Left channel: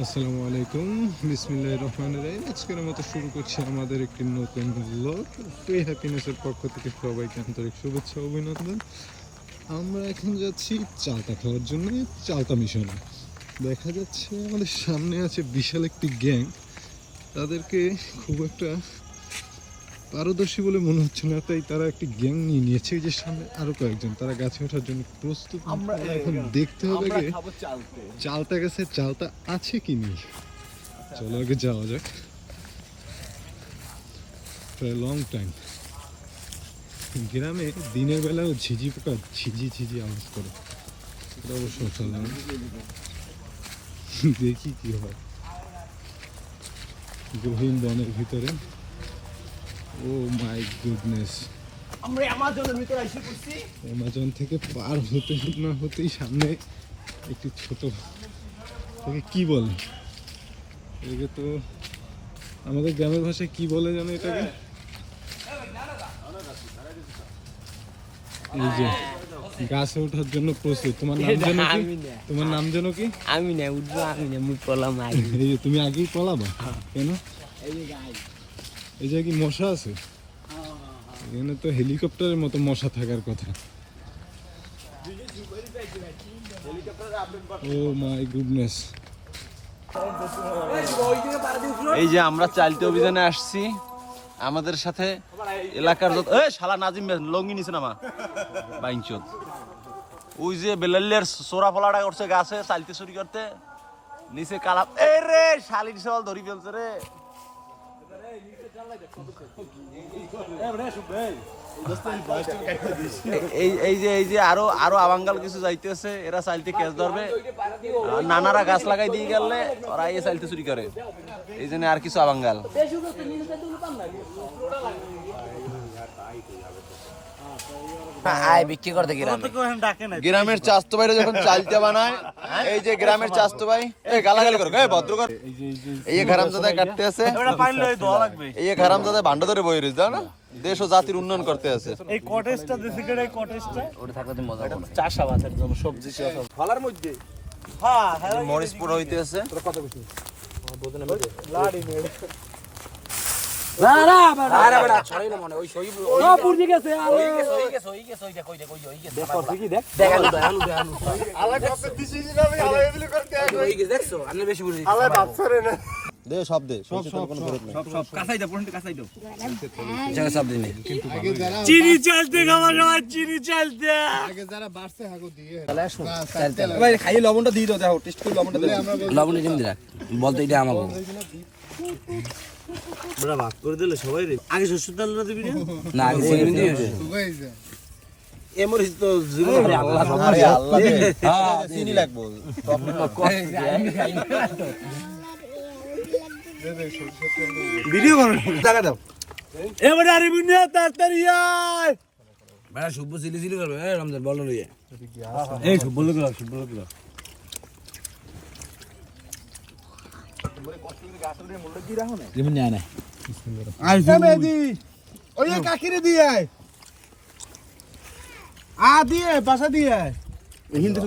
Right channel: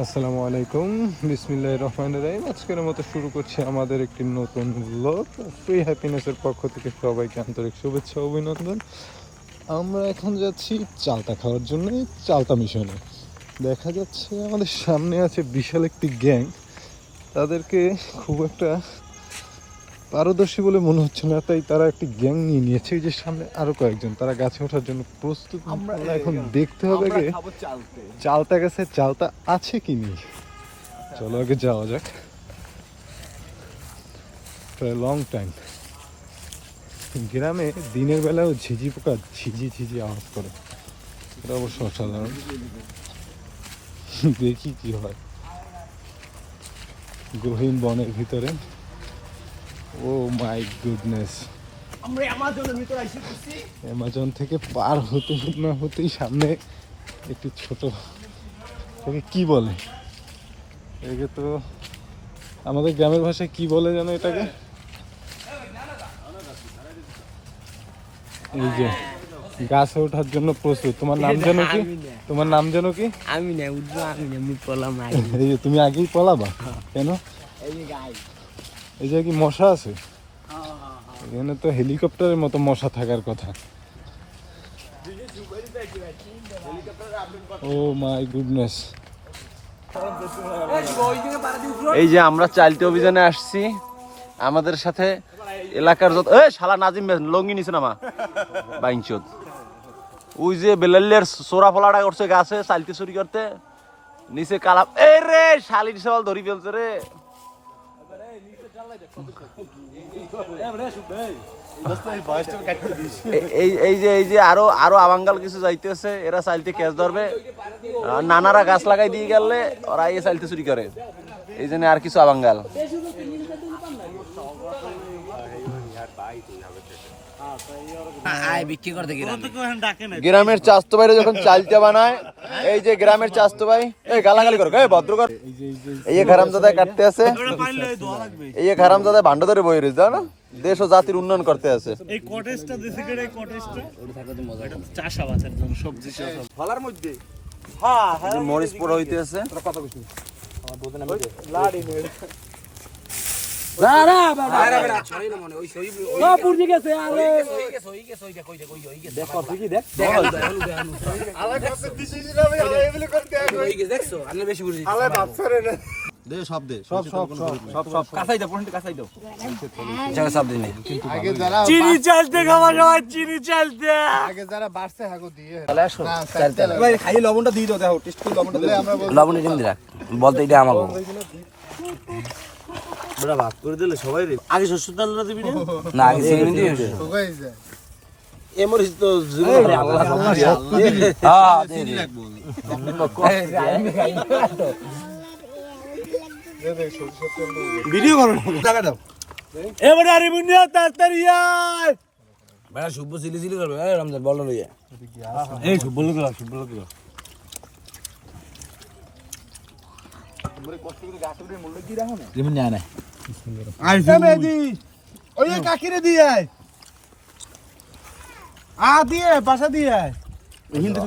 আসসালামু আলাইকুম, বিসমিল্লাহির রহমানির রহিম। আজকের মতো শুরু করছি আমাদের একটি নতুন ব্লগ। ফ্রি হ্যাপিনেসের পক্ষ থেকে সবাইকে আন্তরিক শুভেচ্ছা ও অভিনন্দন। আমরা এখন যাচ্ছি চালতা খাওয়ার জন্য, চালতা মিশনে। দেখা যাচ্ছে আমাদের সামনে আছে বিশাল একটি গ্যাং। তাদেরকে খুব একটা পারদর্শী বলে মনে হচ্ছে না, তাই তারা একটি গ্যাং নিয়ে নিয়েছে। এই যে সামনে আরো কয়েকজন, তারা গাছে ওঠার জন্য প্রস্তুত। আমরা এখন দেখতে হবে যে চালতা গাছে চালতা আছে কি নেই। চলো আগে যাওয়া যাক। লং টাইম গ্রামে দিনের বেলাও ঝিঝি পোকা ঝিঝি ঝিঝি আওয়াজ করে, এটা অবশ্য অসাধারণ। দেখি কি হয় গহীন বনের ভিতরে। ও মাই গুডনেস, আমরা অ্যামাজনের ভিতরে এসে পড়ছি। অ্যামাজন থেকে পার হতে না হতেই সামনে একটি ছোট, তোকে কি বলে একে, তো আমাদের গ্রামের ভাষায় কি বলে যেন এটাকে, এই যে গাছে ওঠার জন্য প্রস্তুত। তোমার নাম যেন কি? তোমার নাম যেন কি? আমি না উঠবো, আমি না মুই পলাম। এই যে তুমি আগেই পলাবা কেন? এই যে কি মশা আছে এখানে? তো হেলিকপ্টারের মতো মশা থাকার কথা। ও মাই গুডনেস। এই যে আমরা চালতে অভিযানে আসছি, আমাদের সাথে এলাকার যত শালা নাজিম লঙ্গি নিছে নামা বাইঞ্চত, ওই যে বেলালের সোরা ফলাটা করছে গাছে চালতে চুরি করতে, নিচে কালা এই রে শালির সওয়াল ধরি ফেলছে রে। এই যে আরো আবাঙ্গাল কিছু যাইতেছে, এরা চালতে ক্যাচ ধরবে, নানারা গাছ লাগাই দিয়ে গেলে ওরা এই চালতে চুরি করে, এই জন্য আর কিছু আবাঙ্গাল। বিক্রি করতে গ্রামের চাস্তো ভাইরা যখন চালতে বানায়, এই যে গ্রামের চাস্তো ভাই এই গালাগাল করে ভদ্র কর, এই যে খারামজাদা কাটতে আছে, এই যে খারামজাদা ভান্ড ধরে বই রয়েছে না, দেশ ও জাতির উন্নয়ন করতে আছে। এই কটেজটা দেশে করে, এই কটেজটা ওটা থাকলে মজা হবে। চাষাবাদের জন্য সবজি চাষ ফলার মধ্যে। মরিচ পোড়া হইতে আছে কত বেশি দে সব দে, সব কাঁচাই দাও, কাঁচাই দাও। সব দিনে চিনি চালতে খাওয়া সবাই, চিনি চালতে। আগে যারা বাড়ছে হাগো দিয়ে ভাই খাই লবণটা দিয়ে দাও, দেখো টেস্ট করে লবণটা দিলে আমরা লবণ দিয়ে দিলা বলতে এটা আমাকে বড় ভাত করে দিলে সবাই আগে সরষের তেলটা দিবি না, আগে চিনি দিয়ে এমরিস তো জীবন আল্লাহ সব হ্যাঁ চিনি লাগবো। ভিডিও করো, টাকা দাও এবারে আরে বুনিয়া তাড়াতাড়ি আয়। বেড়া শুভ চিলি চিলি করবে। এই রমজান বল লইয়া এই শুভ বল গেল, শুভ বল গেল। যেমন না না আই মেদি ওই কাকিরে দিয়ে আয়, দিয়ে বাসা দিয়ে আয়। হিন্দু